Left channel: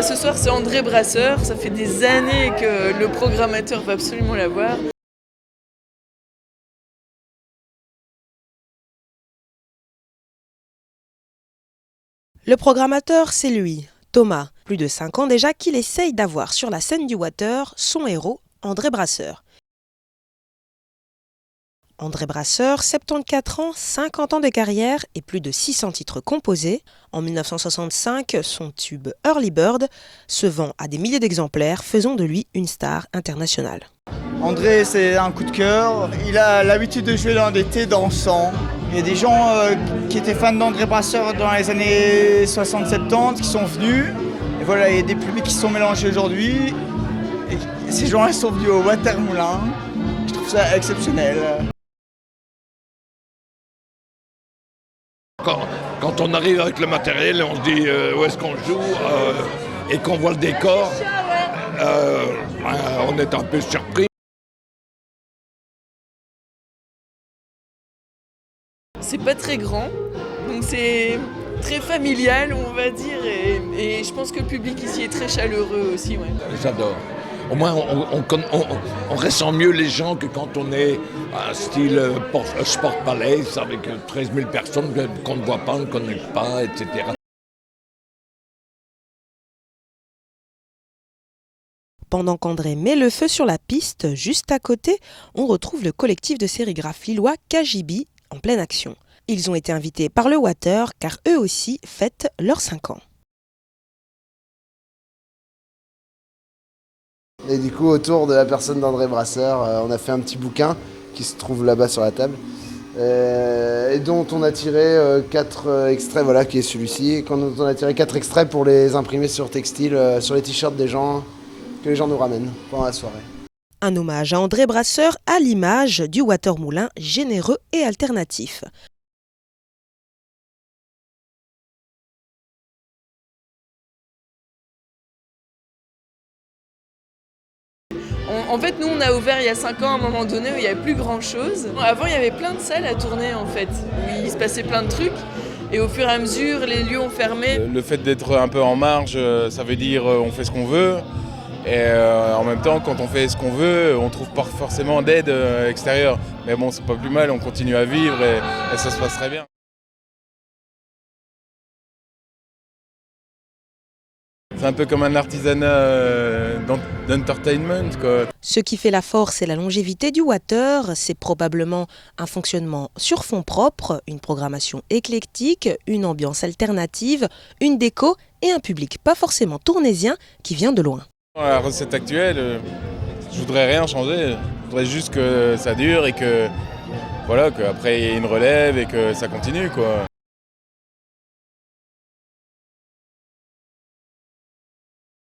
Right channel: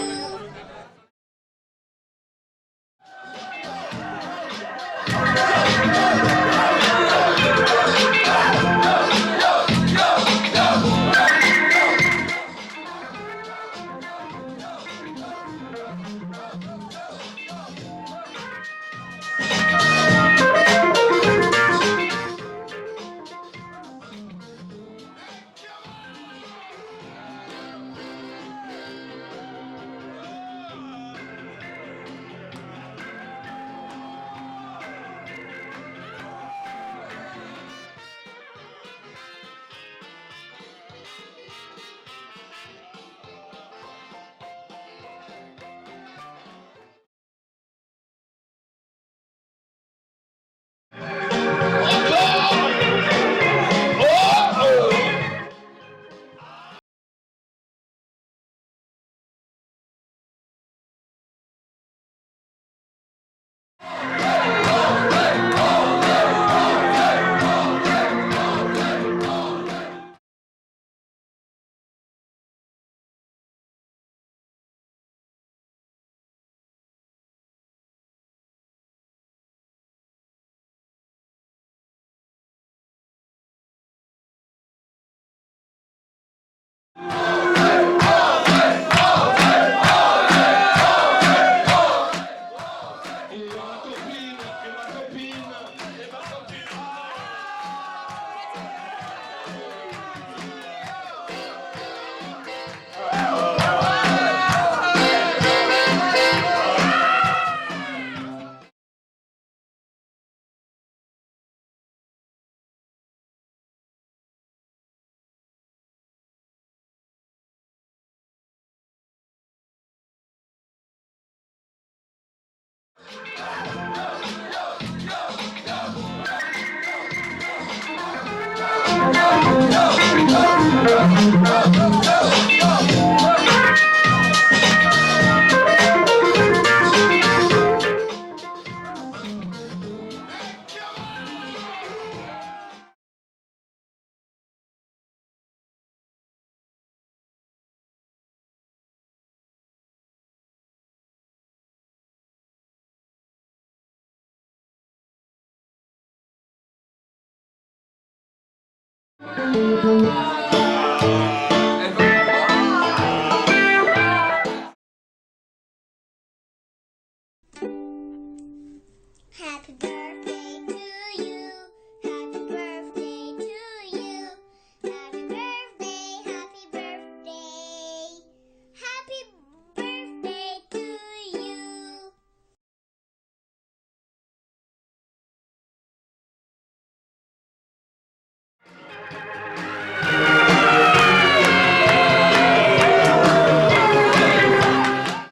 Ce soir c'est André Brasseur, ça fait des années que le programmateur va absolument la voir. Le programmateur, c'est lui, Thomas, plus de 5 ans déjà, qu'il essaye d'avoir sur la scène du Water son héros, André Brasseur. André Brasseur, 74 ans, 50 ans de carrière et plus de 600 titres composés. En 1965, son tube Early Bird se vend à des milliers d'exemplaires, faisant de lui une star internationale. André, c'est un coup de cœur. Il a l'habitude de jouer dans des thés dansants. Il y a des gens qui étaient fans d'André Brasseur dans les années 60-70 qui sont venus. Et voilà, il y a des publics qui se sont mélangés aujourd'hui. Et ces gens-là sont venus au Water Moulin. Je trouve ça exceptionnel. Quand on arrive avec le matériel, on se dit où est-ce qu'on joue et qu'on voit le décor, on est un peu surpris. C'est pas très grand, donc c'est très familial on va dire et je pense que le public ici est très chaleureux aussi. Ouais. J'adore. Au moins on ressent mieux les gens que quand on est à style Sport Palace avec 13 000 personnes qu'on ne voit pas, on ne connaît pas, etc. Pendant qu'André met le feu sur la piste, juste à côté, on retrouve le collectif de sérigraphes lillois Kajibi en pleine action. Ils ont été invités par le Water car eux aussi fêtent leurs 5 ans. Et du coup, autour de la personne d'André Brasseur, on a fait un petit bouquin qui se trouve là-bas sur la table et dont on a tiré 4 extraits, voilà, qui est celui-ci. Et on a tiré 4 extraits pour les imprimer sur textile, sur les t-shirts des gens, que les gens nous ramènent pendant la soirée. Un hommage à André Brasseur à l'image du Water Moulin généreux et alternatif. En fait, nous, on a ouvert il y a 5 ans à un moment donné où il n'y avait plus grand-chose. Avant, il y avait plein de salles à tourner, en fait, où il se passait plein de trucs. Et au fur et à mesure, les lieux ont fermé. Le fait d'être un peu en marge, ça veut dire on fait ce qu'on veut. Et en même temps, quand on fait ce qu'on veut, on ne trouve pas forcément d'aide extérieure. Mais bon, c'est pas plus mal, on continue à vivre et ça se passe très bien. C'est un peu comme un artisanat d'entertainment, quoi. Ce qui fait la force et la longévité du Water, c'est probablement un fonctionnement sur fond propre, une programmation éclectique, une ambiance alternative, une déco et un public pas forcément tournésien qui vient de loin. Dans la recette actuelle, je voudrais rien changer. Je voudrais juste que ça dure et que voilà, qu'après il y ait une relève et que ça continue, quoi.